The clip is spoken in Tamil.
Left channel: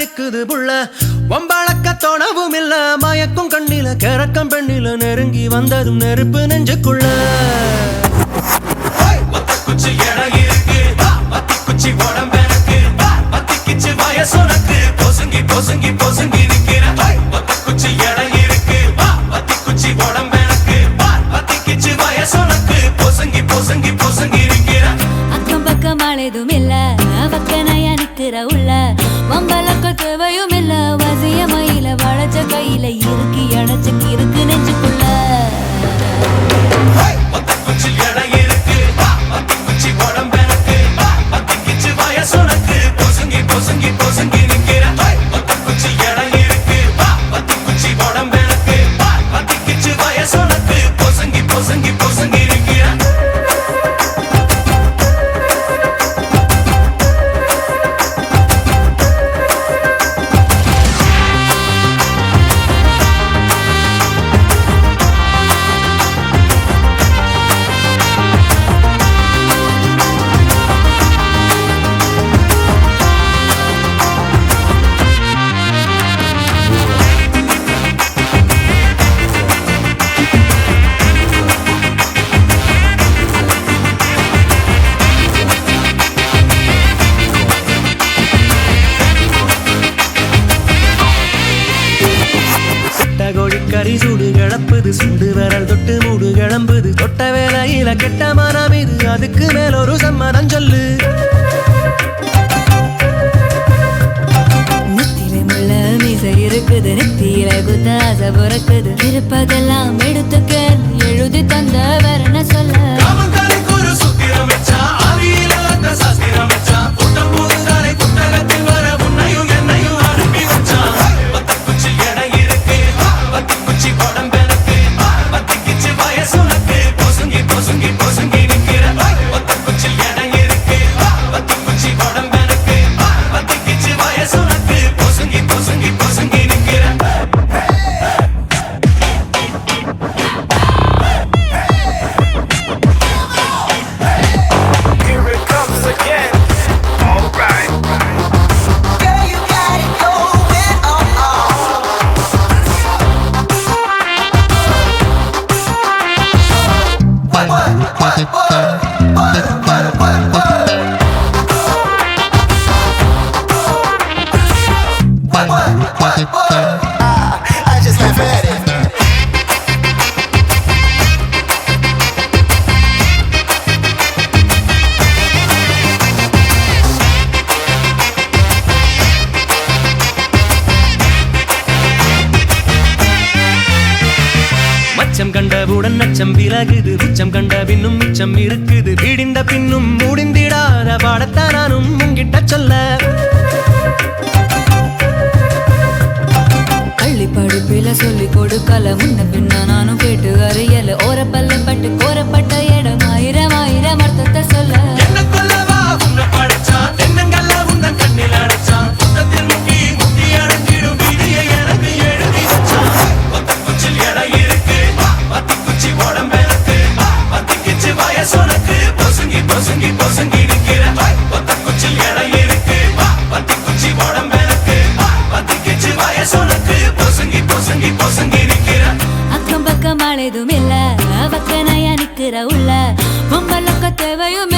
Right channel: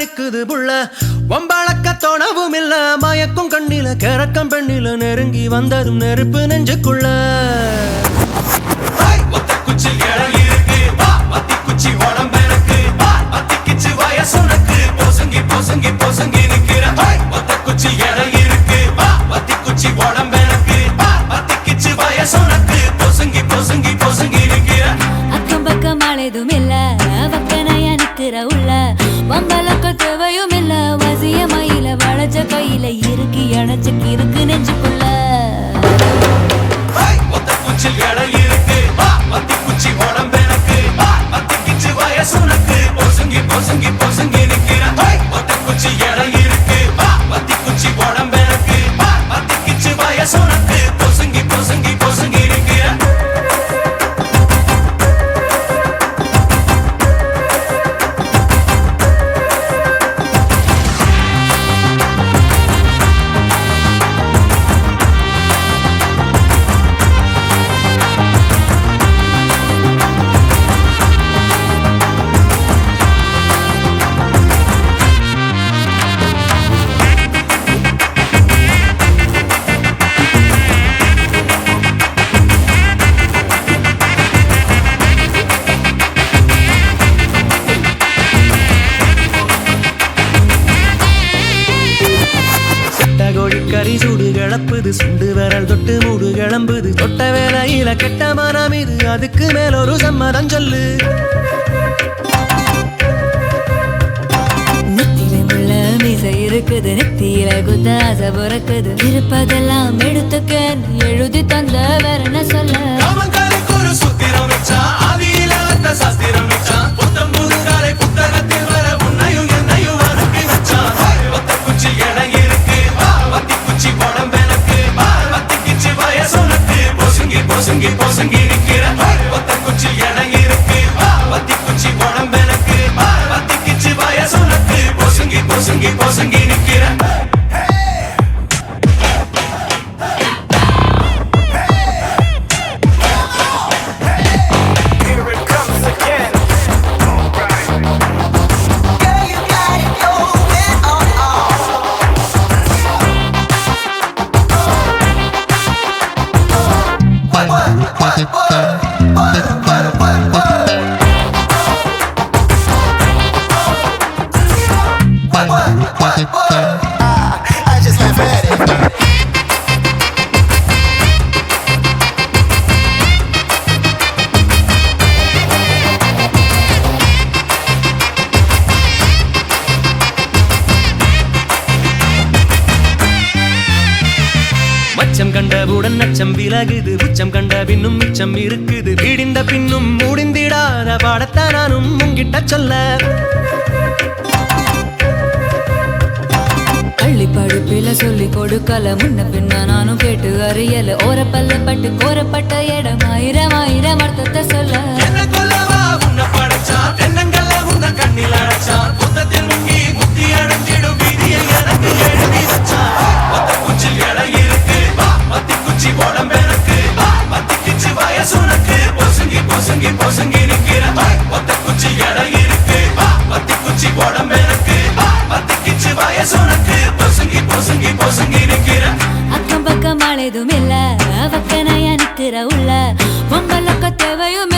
நிக்குது புள்ள வம்பளக்க தோணவும் இல்ல மயக்கும் கண்ணில கரக்கம் பெண்ணில நெருங்கி வந்ததும் நெருப்பு நெஞ்சுக்குள்ள ஒத்த குச்சி இடம் இருக்கு வத்தி குச்சி உடம்பெனக்கு வத்தி கிச்சு வயசுனக்கு பொசுங்கி பொசுங்கி பொசுங்கி இருக்கிற ஒத்த குச்சி இடம் இருக்கு வத்தி குச்சி உடம்பெனக்கு வத்தி கிச்சு வயசுனக்கு பொசுங்கி பொசுங்கி பொசுங்கி இருக்கிற அக்கம் பக்கம் அழைதும் இல்ல வக்கனையா நிக்கிற உள்ள வம்பலக்க தேவையும் இல்ல வசிய மயில வளைச்ச கையில இருக்கு அணைச்ச கிறுக்கு நெஞ்சுக்குள்ள ஒத்த குச்சில் இடம் இருக்கு வத்தி குச்சி உடம்பெனக்கு வத்தி கிச்சு வயசுனக்கு பொசுங்கி பொசுங்கி பொசுங்கி நிக்கிற ஒத்த குச்சில் இடம் இருக்கு வத்தி குச்சி உடம்பெனக்கு வத்தி கிச்சு வயசுனக்கு பொசுங்கி பொசுங்கி பொசுங்கி நிக்கிற கோழிக்கறி சூடு கிளப்புது சுண்டு விரல் தொட்டு மூடு கிளம்புது தொட்ட வேலையில கெட்ட மனம் இது அதுக்கு மேல ஒரு சம்மதம் சொல்லு நெத்தில முள்ள மீசை இருக்குது நெத்தியில குத்தாச பிறக்குது இருப்பதெல்லாம் எடுத்துக்க எழுதி தந்த வேற என்ன சொல்ல I just laugh at it. மச்சம் கண்டவுடன் நச்சம் விலகுது உச்சம் கண்ட பின்னும் மிச்சம் இருக்குது வீடிந்த பின்னும் முடிந்திடாத பாடத்தான் நானும் உங்கிட்ட சொல்ல பள்ளி படிப்பில சொல்லி கொடுக்கல முன்ன பின்ன நானும் கேட்டு அறியல ஓரப்பல்ல பட்டு கோரப்பட்ட இடம் ஆயிரம் ஆயிரம் அர்த்தத்தை சொல்ல அக்கம் பக்கம் அழைதும் இல்ல வக்கனையா நிக்கிற உள்ள வம்பலக்க தேவையும்